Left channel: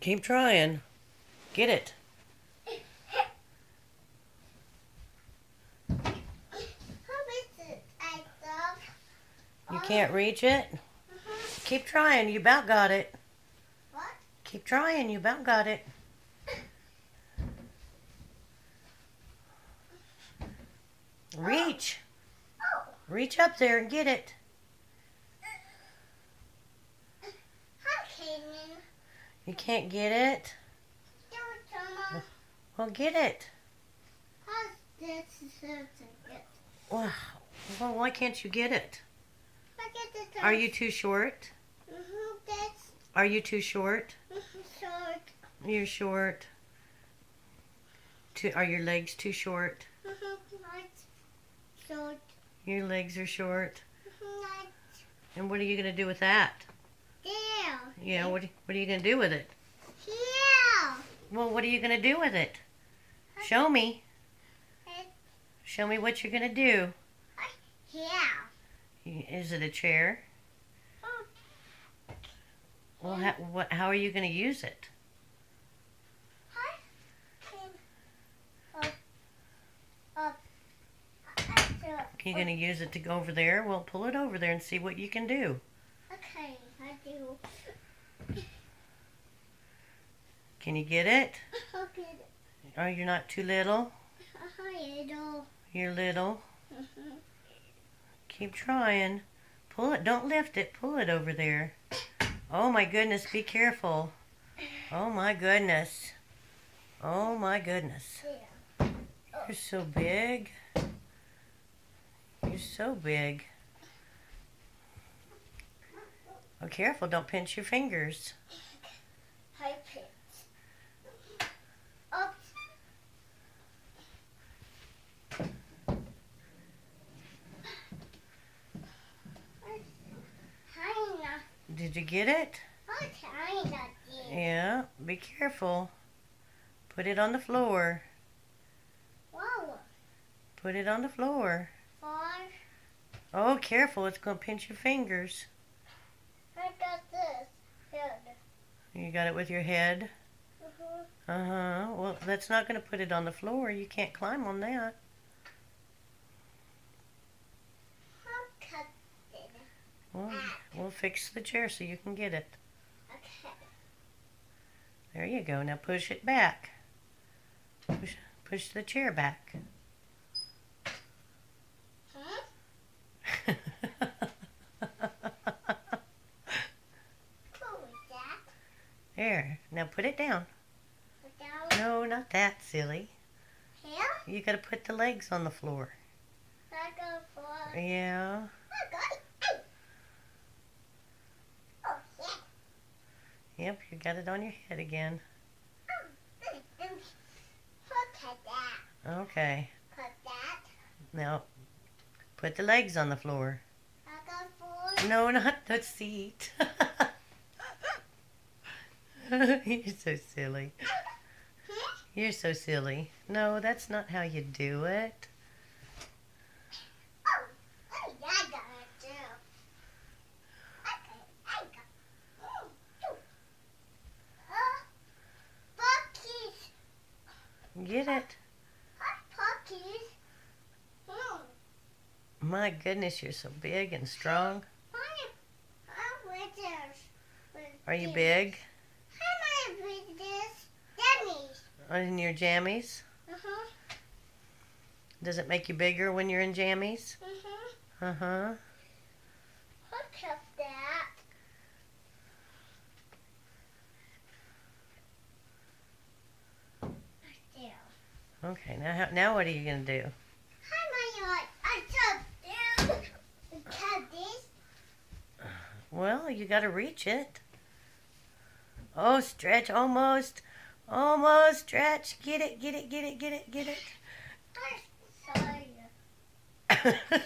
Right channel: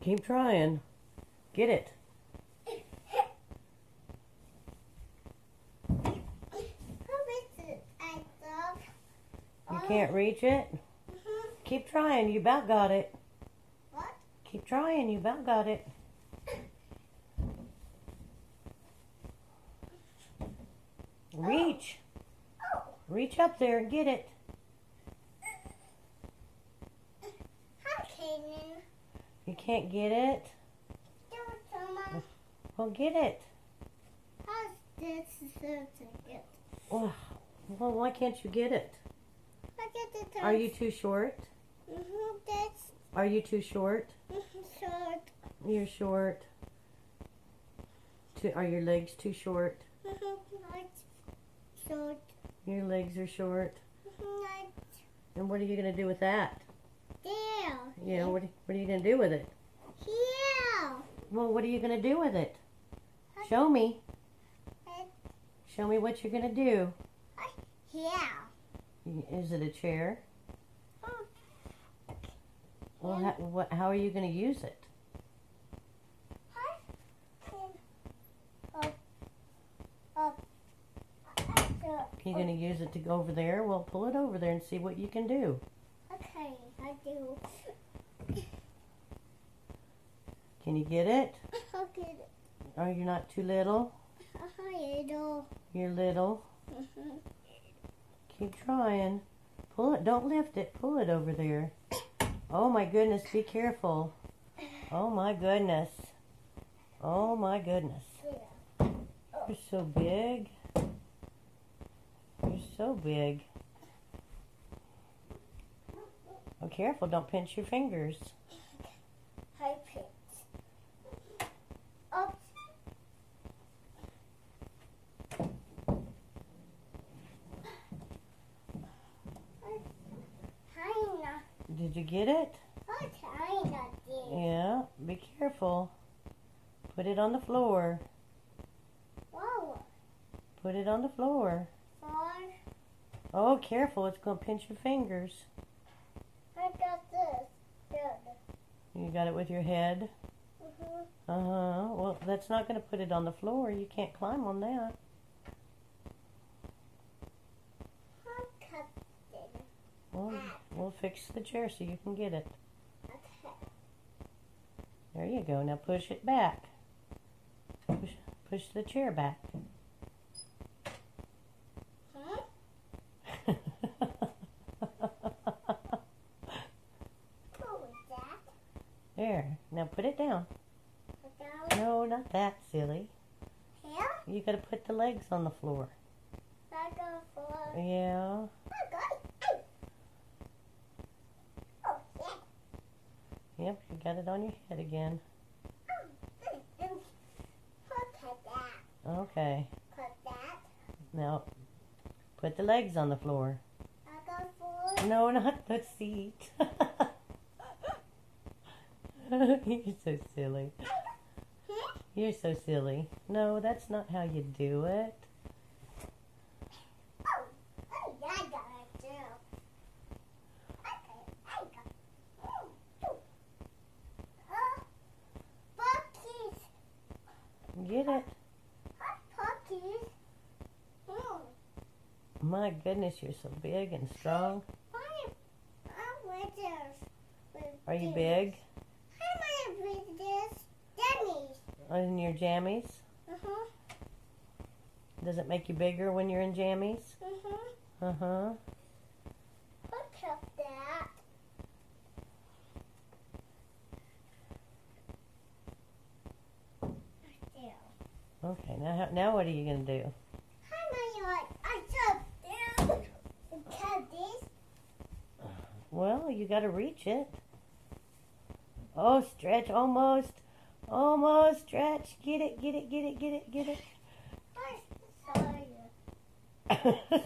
Keep trying. Get it. You can't reach it? Keep trying. You about got it. What? Keep trying. You about got it. Reach. Reach up there and get it. You can't get it? Well, get it. Well, why can't you get it? Are you too short? Are you too short? Short. You're short. Are your legs too short? Short. Your legs are short. And what are you going to do with that? There. Yeah, what are you going to do with it? Here. Well, what are you going to do with it? Show me. Show me what you're going to do. Here. Is it a chair? Well, how are you going to use it? You're going to use it to go over there? Well, pull it over there and see what you can do. Okay, I do. Can you get it? I'll get it. Oh, you're not too little? Little. You're little? Keep trying. Pull it. Don't lift it. Pull it over there. Oh, my goodness. Be careful. Oh, my goodness. Oh, my goodness. You're so big. You're so big. Oh, careful. Don't pinch your fingers. High pitch. Oops. Did you get it? China did. Yeah. Be careful. Put it on the floor. Whoa. Put it on the floor. Four. Oh, careful. It's going to pinch your fingers. I got this. Good. You got it with your head? Mm-hmm. Uh-huh. Well, that's not going to put it on the floor. You can't climb on that. I'll cut it. Well, we'll fix the chair so you can get it. Okay. There you go. Now push it back. Push the chair back. Huh? What was that? There. Now put it down. Put down No, not that, silly. here. You got to put the legs on the floor. I go for. Yeah. I got it. Oh, yeah. Yep, you got it on your head again. Put that. Okay. Put that. Now, put the legs on the floor. I go for. No, not the seat. You're so silly. You're so silly. No, that's not how you do it. Oh, I got it too. Okay, I got. Pockies. Get it? Pockies. My goodness, you're so big and strong. Are you big? I'm with this. Dummies. In your jammies? Uh-huh. Does it make you bigger when you're in jammies? Uh-huh. Uh-huh. Look at that. There. Okay, now what are you going to do? Cut this. Well, you got to reach it. Oh, stretch, almost. Almost, stretch. Get it, get it, get it, get it, get it. I'm sorry.